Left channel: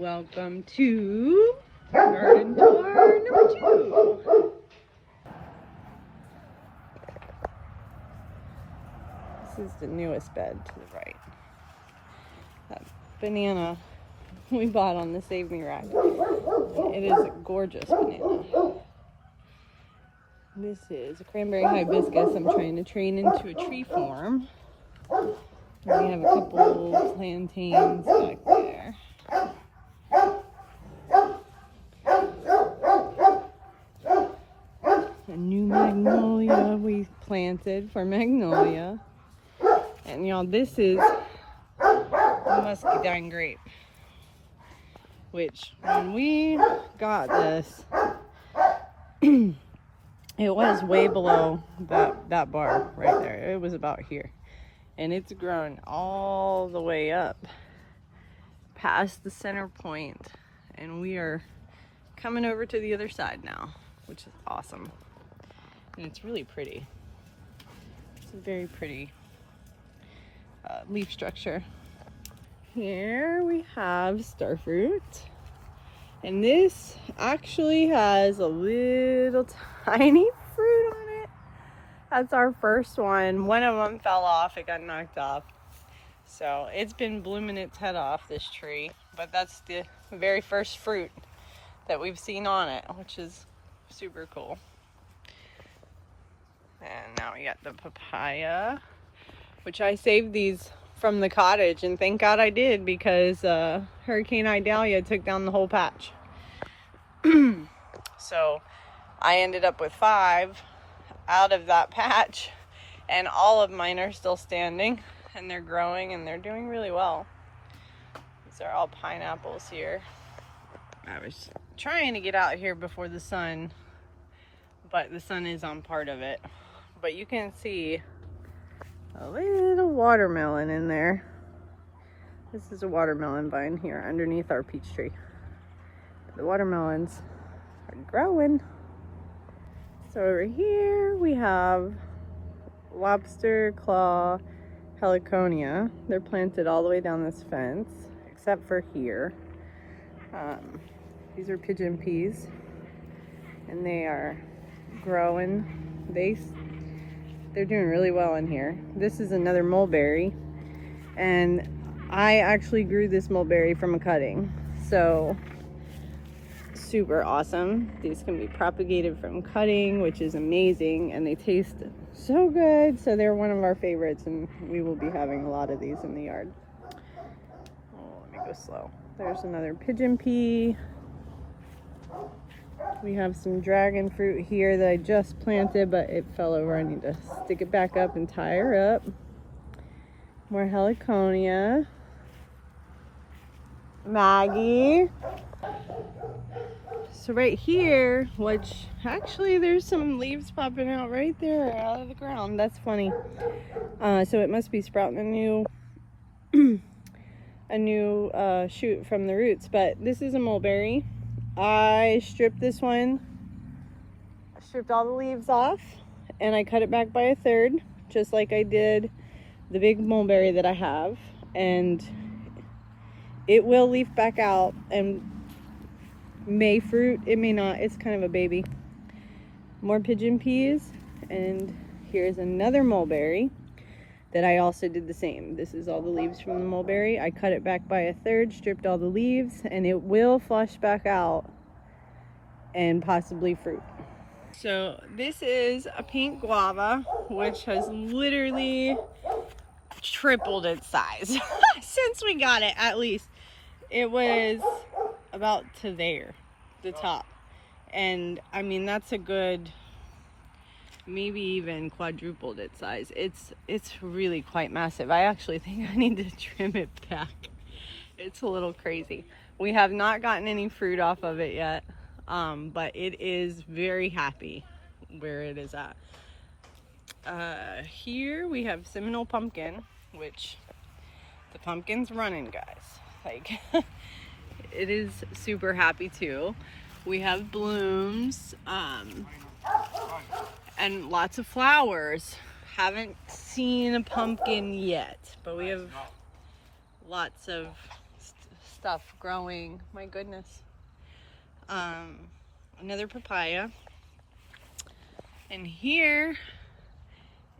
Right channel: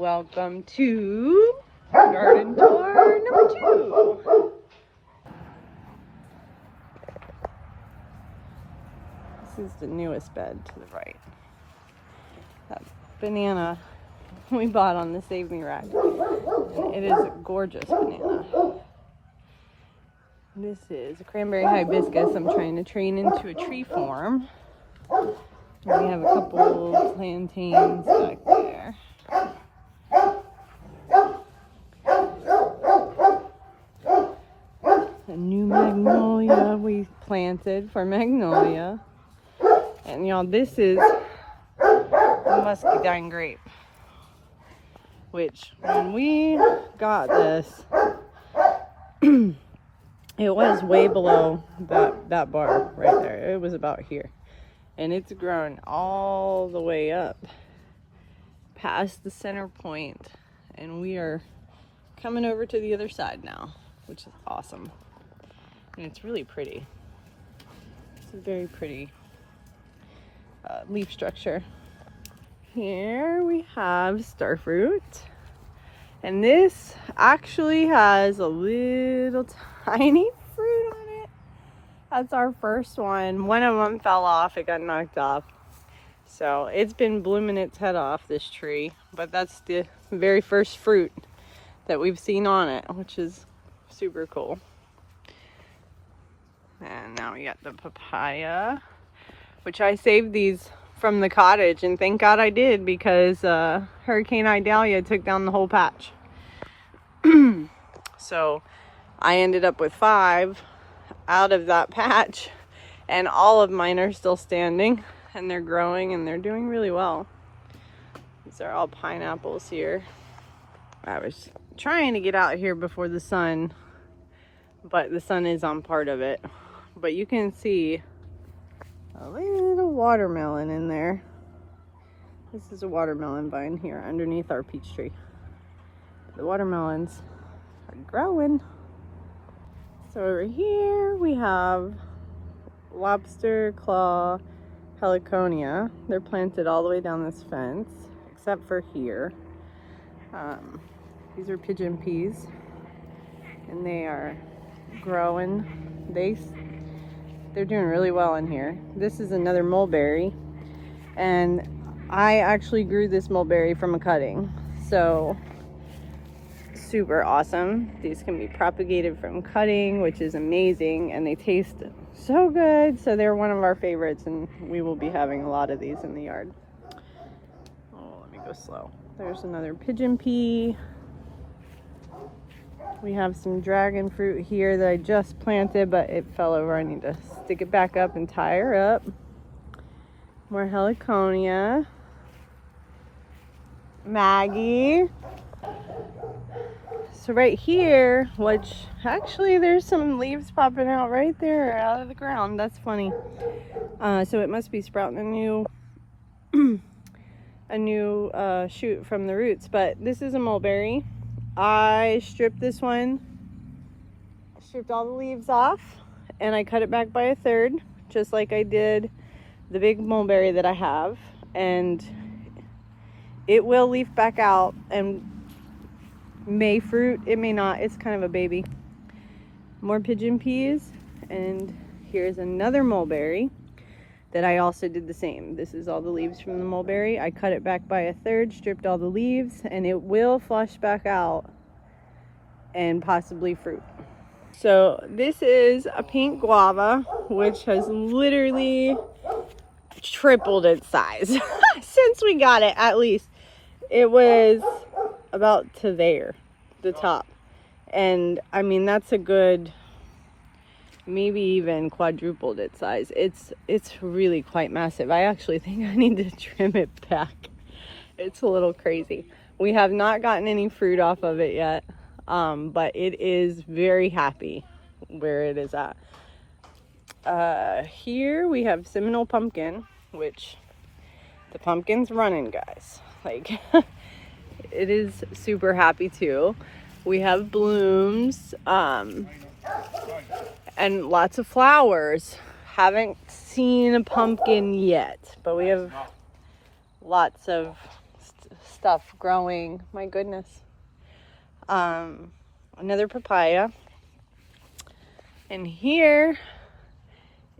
Welcome to garden tour number 2. This is the newest bed to the right. That banana we bought on the Save Me rack. It is a gorgeous banana. This is a cranberry hibiscus I'm trying to train into a tree form. We have a couple plantains back there. A new magnolia we planted for magnolia. And y'all, this is the muscadine grape, which when we got this, it was way below that bar right there. It was about here. And it's grown all the way up past the center point. And we are coming over to the other side now, which is awesome. And it's really pretty. It's a very pretty leaf structure. Here we have starfruit. And this actually has a little tiny fruit on it. That's our first one. One of them fell off. It got knocked off. So it's been blooming its head off, this tree. But that's the very first fruit that we've seen on it, which is super cool. And now we got the papaya, which I saved these from the cottage, and thank God I did, because Hurricane Idalia took down the whole patch. So I ended up with 5 out of that patch, and all of mine are still standing, and they're growing, and they're doing really well. These are all pineapples here. I was trying to get out here before the sun, but the sun is on part of it. But you can see a little watermelon in there. This is a watermelon vine here underneath our peach tree. The watermelons are growing. So over here we have lobster claw heliconia. They're planted all the way down this fence, except for here. These are pigeon peas, and they are growing. They're doing really well in here. This is another mulberry, and I actually grew this mulberry from a cutting, so super awesome. These can be propagated from cutting, which is amazing, and they taste so good. So they're one of our favorites, and we will be having a lot of these in the yard. Oh, let me go slow. There's another pigeon pea. We have some dragon fruit here that I just planted, but it fell over. I need to stick it back up and tie her up. More heliconia. Maggie. So right here, which actually there's some leaves popping out right there out of the ground. That's funny. So it must be sprouting a new shoot from the roots. But this is a mulberry. I stripped this one, stripped all the leaves off, and I cut it back by 1/3, just like I did the big mulberry that I have. And it will leaf back out and may fruit. It may not. It's kind of a baby. More pigeon peas, and here's another mulberry that I also did the same. This is all the leaves from the mulberry. I cut it back by 1/3, stripped all the leaves, and it will flush back out and possibly fruit. So this is a pink guava, which has literally tripled its size since we got it. At least it was about to there, the top, and I mean that's a good, maybe even quadrupled its size. It's really quite massive. I actually think I need to trim it back. It's a little crazy. We have not gotten any fruit off of it yet, but it is very happy where it is at. Here we have Seminole pumpkin, which the pumpkin's running, guys. Like it is super happy too. We have blooms, and lots of flowers. Haven't seen a pumpkin yet, but we have lots of stuff growing. My goodness. Another papaya. And here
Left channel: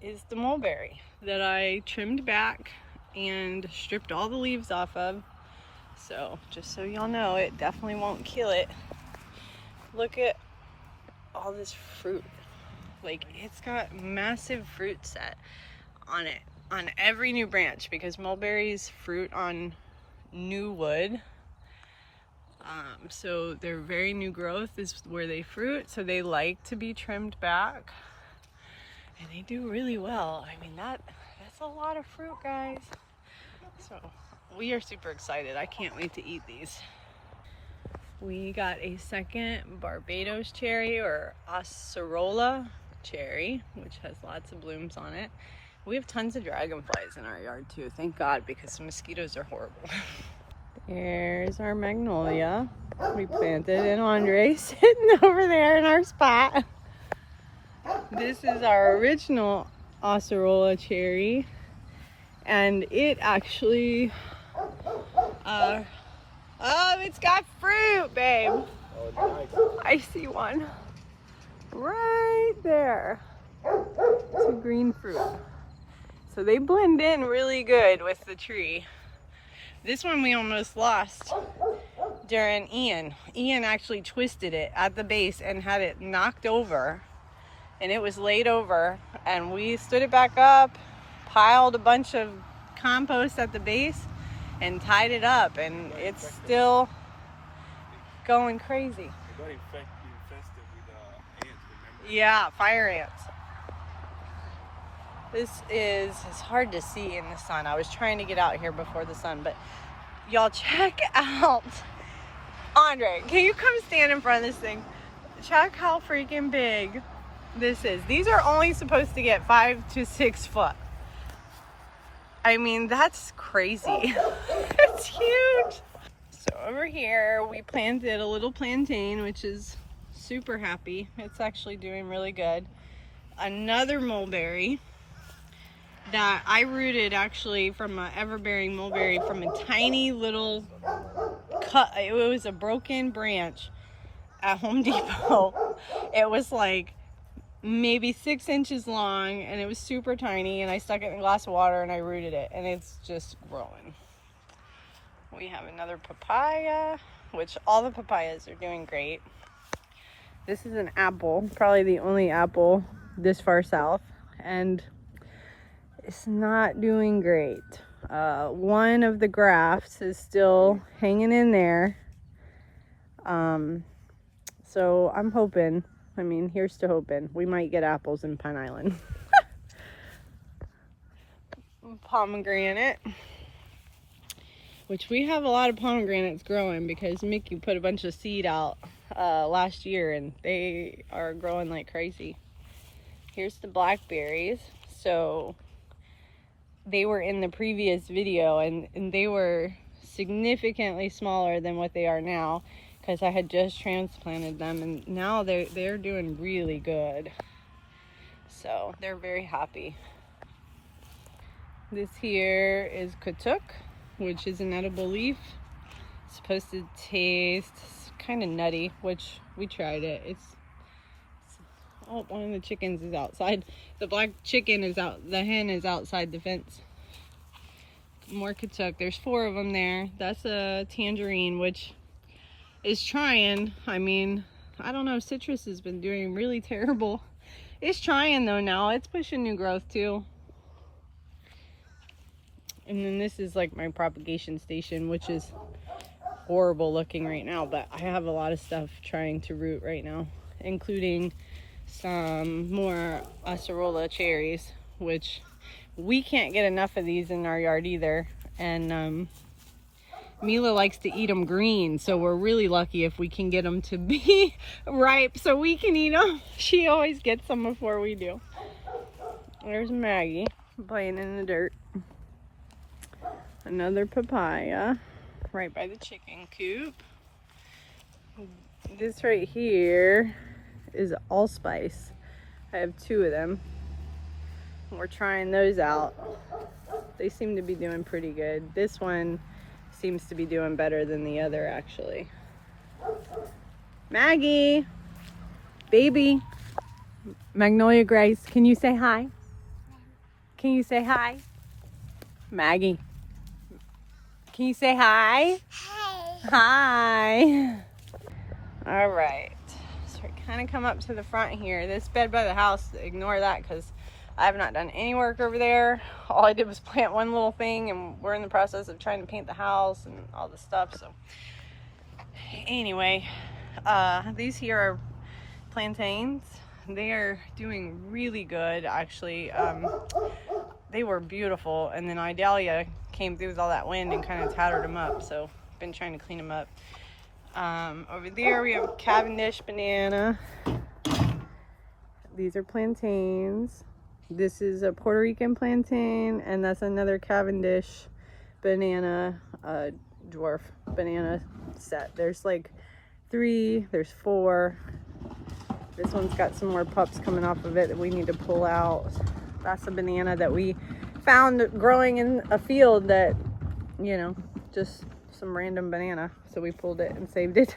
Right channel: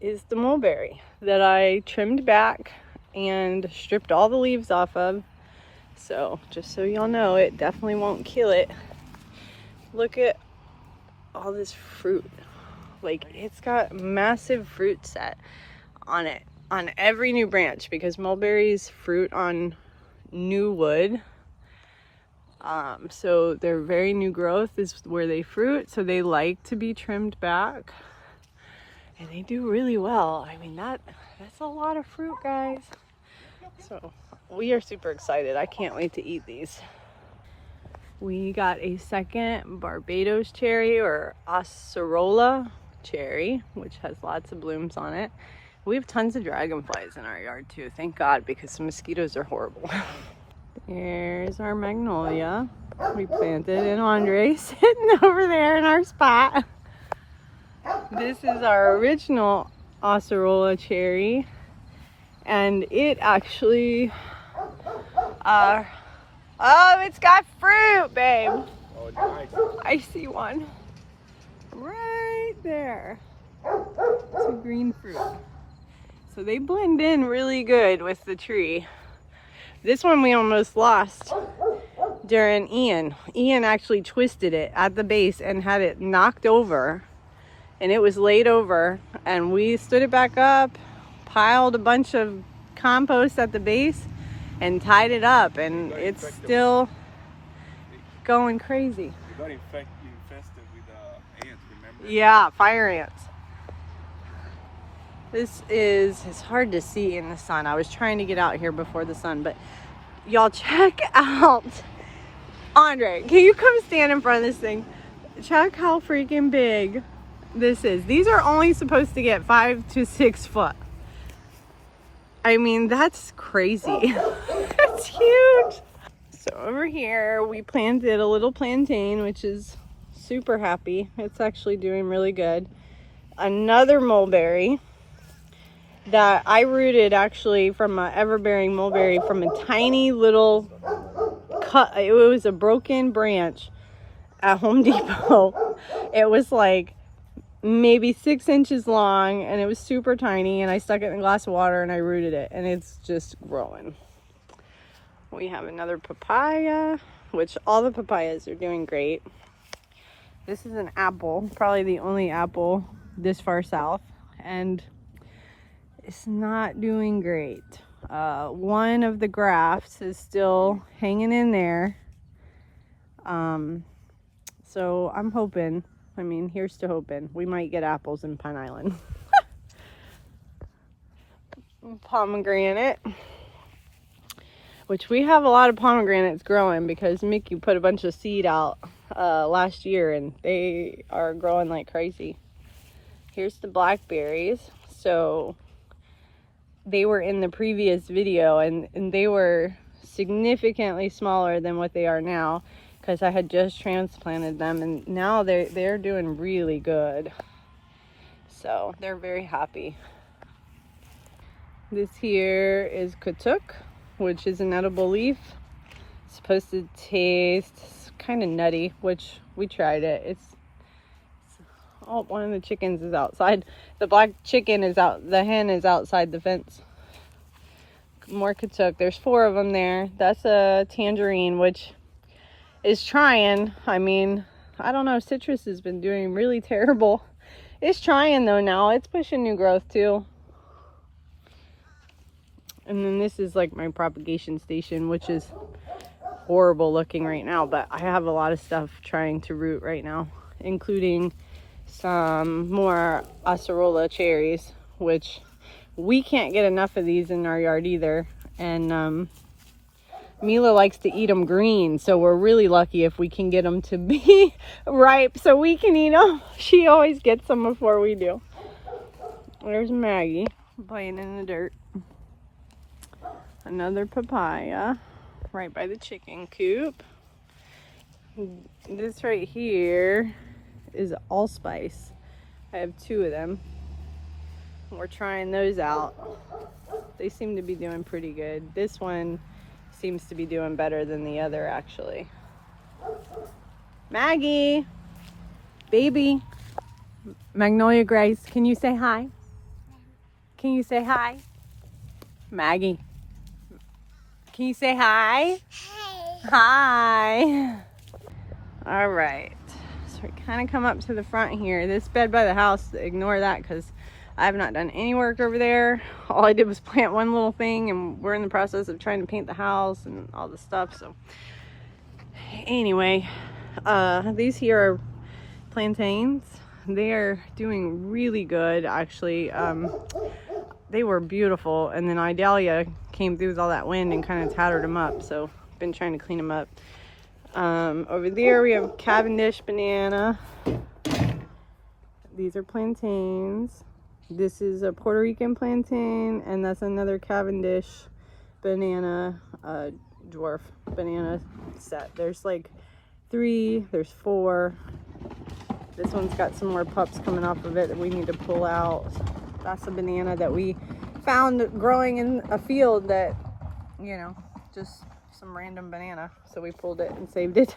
is the mulberry that I trimmed back and stripped all the leaves off of. So just so y'all know, it definitely won't kill it. Look at all this fruit. Like, it's got massive fruit set on it on every new branch, because mulberries fruit on new wood. So their very new growth is where they fruit, so they like to be trimmed back, and they do really well. I mean, that's a lot of fruit, guys. So we are super excited. I can't wait to eat these. We got a second Barbados cherry, or acerola cherry, which has lots of blooms on it. We have tons of dragonflies in our yard too, thank God, because the mosquitoes are horrible. There's our magnolia we planted, and Andre sitting over there in our spot. This is our original acerola cherry, and it actually oh, it's got fruit, babe. Oh, nice. I see one right there. It's a green fruit. So they blend in really good with the tree. This one we almost lost during Ian. Ian actually twisted it at the base and had it knocked over, and it was laid over, and we stood it back up, piled a bunch of compost at the base, and tied it up, and it's still going crazy. It got infested with ants, remember? Yeah, fire ants. It's hard to see in the sun. I was trying to get out here before the sun, but y'all check out, Andre, can you come stand in front of this thing? Check how freaking big this is. These are only supposed to get 5 to 6 foot. I mean, that's crazy. That's huge. So over here, we planted a little plantain, which is super happy. It's actually doing really good. Another mulberry that I rooted actually from an ever-bearing mulberry from a tiny little cut. It was a broken branch at Home Depot. It was like maybe 6 inches long, and it was super tiny, and I stuck it in a glass of water and I rooted it, and it's just growing. We have another papaya, which all the papayas are doing great. This is an apple, probably the only apple this far south, and it's not doing great. One of the grafts is still hanging in there. So I'm hoping, I mean, here's to hoping we might get apples in Pine Island. Pomegranate, which we have a lot of pomegranates growing because Mickey put a bunch of seed out last year, and they are growing like crazy. Here's the blackberries. So they were in the previous video, and they were significantly smaller than what they are now, because I had just transplanted them, and now they're doing really good. So they're very happy. This here is katuk, which is an edible leaf. It's supposed to taste kind of nutty, which we tried it. Oh, one of the chickens is outside. The black chicken is out. The hen is outside the fence. More katuk. There's 4 of them there. That's a tangerine, which is trying. I mean, I don't know. Citrus has been doing really terrible. It's trying though now. It's pushing new growth too. And then this is like my propagation station, which is horrible looking right now. But I have a lot of stuff trying to root right now, including some more acerola cherries, which we can't get enough of these in our yard either. And Mila likes to eat them green, so we're really lucky if we can get them to be ripe so we can eat them. She always gets them before we do. There's Maggie playing in the dirt. Another papaya right by the chicken coop. This right here is allspice. I have 2 of them. We're trying those out. They seem to be doing pretty good. This one seems to be doing better than the other, actually. Maggie, baby, Magnolia Grace, can you say hi? Can you say hi? Maggie, can you say hi? Hi. All right, so we kind of come up to the front here. This bed by the house, ignore that because I have not done any work over there. All I did was plant one little thing, and we're in the process of trying to paint the house and all the stuff. So anyway, these here are plantains. They are doing really good, actually. They were beautiful, and then Idalia came through with all that wind and kind of tattered them up, so been trying to clean them up. Over there we have Cavendish banana. These are plantains. This is a Puerto Rican plantain, and that's another Cavendish banana, dwarf banana set. There's like 3, there's 4. This one's got some more pups coming off of it that we need to pull out. That's a banana that we found growing in a field that, you know, just some random banana. So we pulled it and saved it.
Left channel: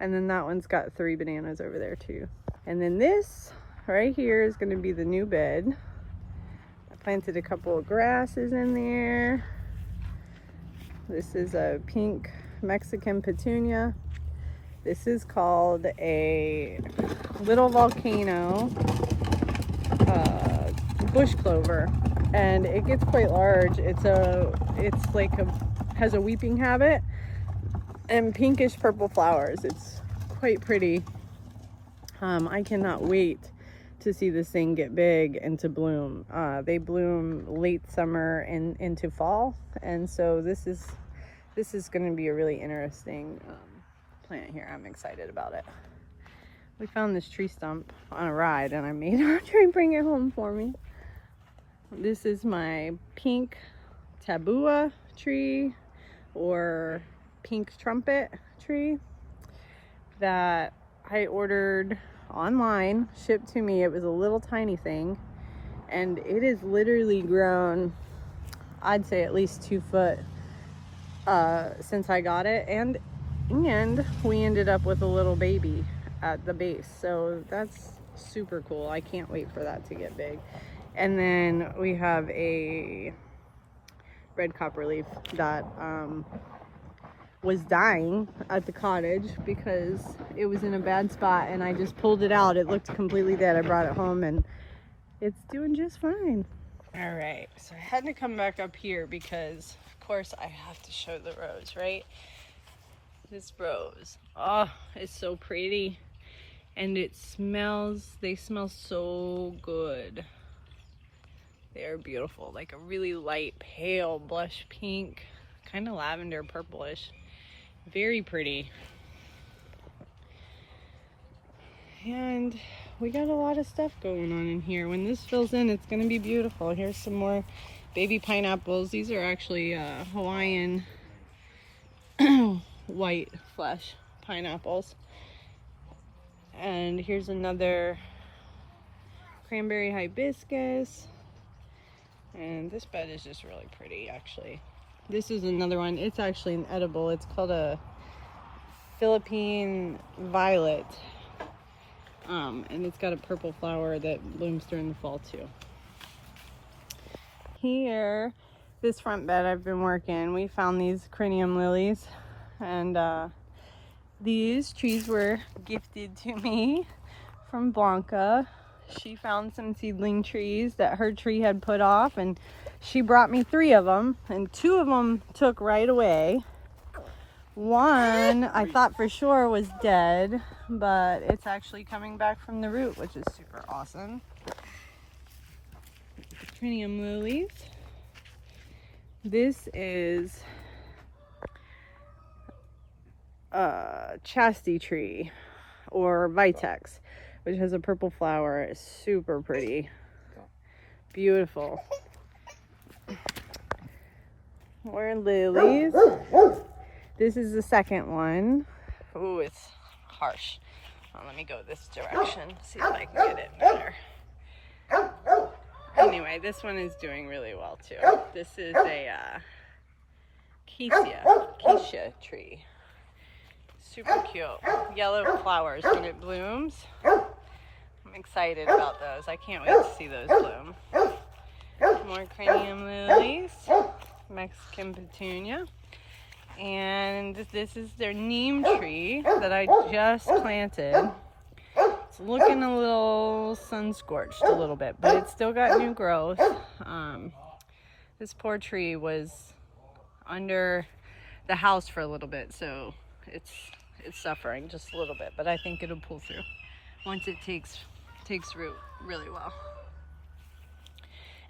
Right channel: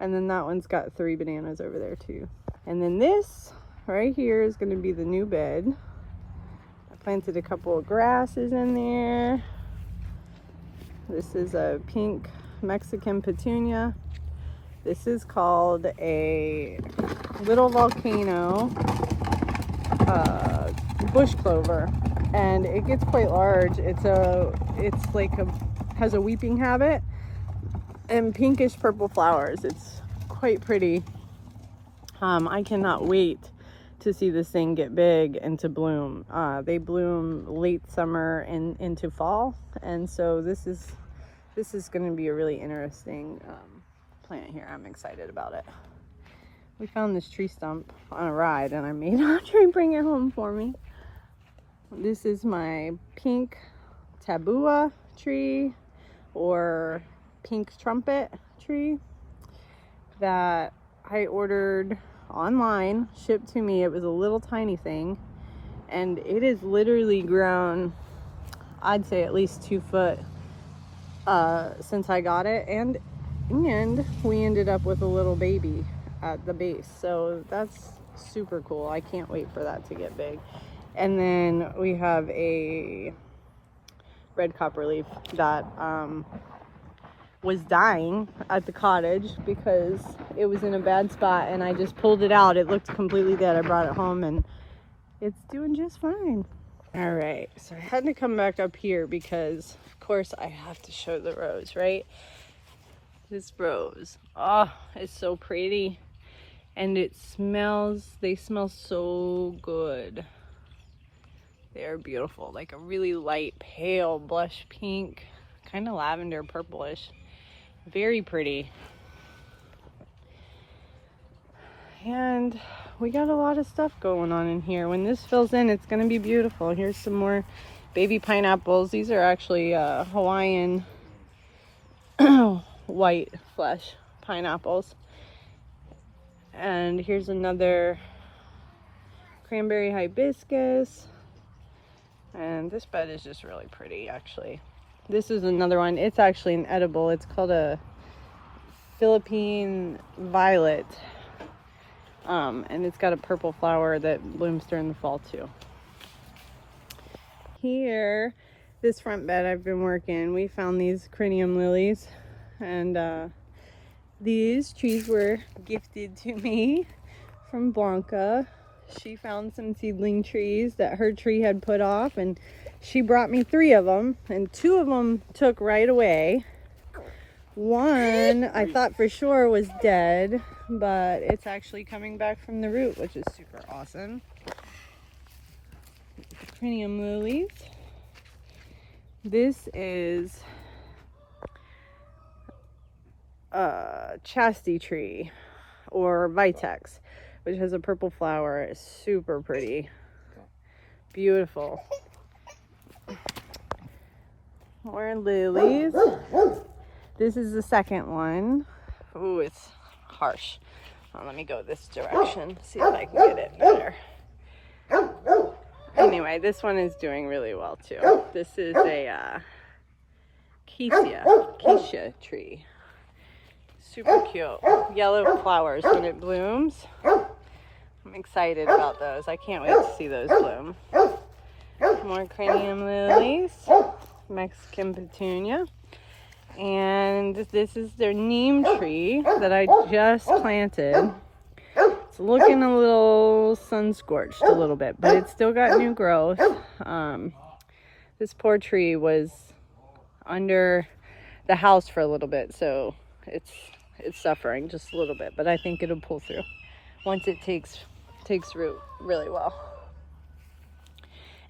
And then that one's got 3 bananas over there too. And then this right here is going to be the new bed. I planted a couple of grasses in there. This is a pink Mexican petunia. This is called a little volcano bush clover, and it gets quite large. It's like has a weeping habit and pinkish purple flowers. It's quite pretty. I cannot wait to see this thing get big and to bloom. They bloom late summer and into fall, and so this is going to be a really interesting plant here. I'm excited about it. We found this tree stump on a ride, and I made Audrey bring it home for me. This is my pink tabua tree, or pink trumpet tree, that I ordered online, shipped to me. It was a little tiny thing, and it is literally grown, I'd say at least 2 foot since I got it, and we ended up with a little baby at the base, so that's super cool. I can't wait for that to get big. And then we have a red copperleaf that was dying at the cottage because it was in a bad spot, and I just pulled it out. It looked completely dead. I brought it home, and it's doing just fine. All right, so I had to come back up here because of course I have to show the rose, right? This rose, oh, it's so pretty, and they smell so good. They are beautiful, like a really light pale blush pink, kind of lavender purplish, very pretty. And we got a lot of stuff going on in here. When this fills in, it's going to be beautiful. Here's some more baby pineapples. These are actually Hawaiian white flesh pineapples. And here's another cranberry hibiscus. And this bed is just really pretty, actually. This is another one. It's actually an edible. It's called a Philippine violet. And it's got a purple flower that blooms during the fall too. Here, this front bed I've been working, we found these crinium lilies, and these trees were gifted to me from Blanca. She found some seedling trees that her tree had put off, and she brought me 3 of them, and 2 of them took right away. One I thought for sure was dead, but it's actually coming back from the root, which is super awesome. Crinium lilies. This is chastity tree, or vitex, which has a purple flower. It's super pretty, beautiful. More lilies. This is the second one. Ooh, it's harsh. Well, let me go this direction, see if I can get it better. Anyway, this one is doing really well too. This is a acacia tree. Super cute. Yellow flowers when it blooms. I'm excited about those. I can't wait to see those bloom. More cranium lilies, Mexican petunia. And this is their neem tree that I just planted. It's looking a little sun scorched a little bit, but it's still got new growth. This poor tree was under the house for a little bit, so it's suffering just a little bit, but I think it'll pull through once it takes root really well.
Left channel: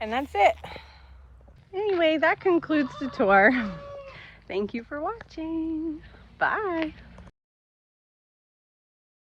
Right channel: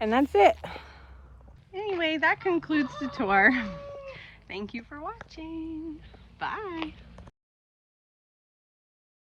And that's it. Anyway, that concludes the tour. Thank you for watching. Bye.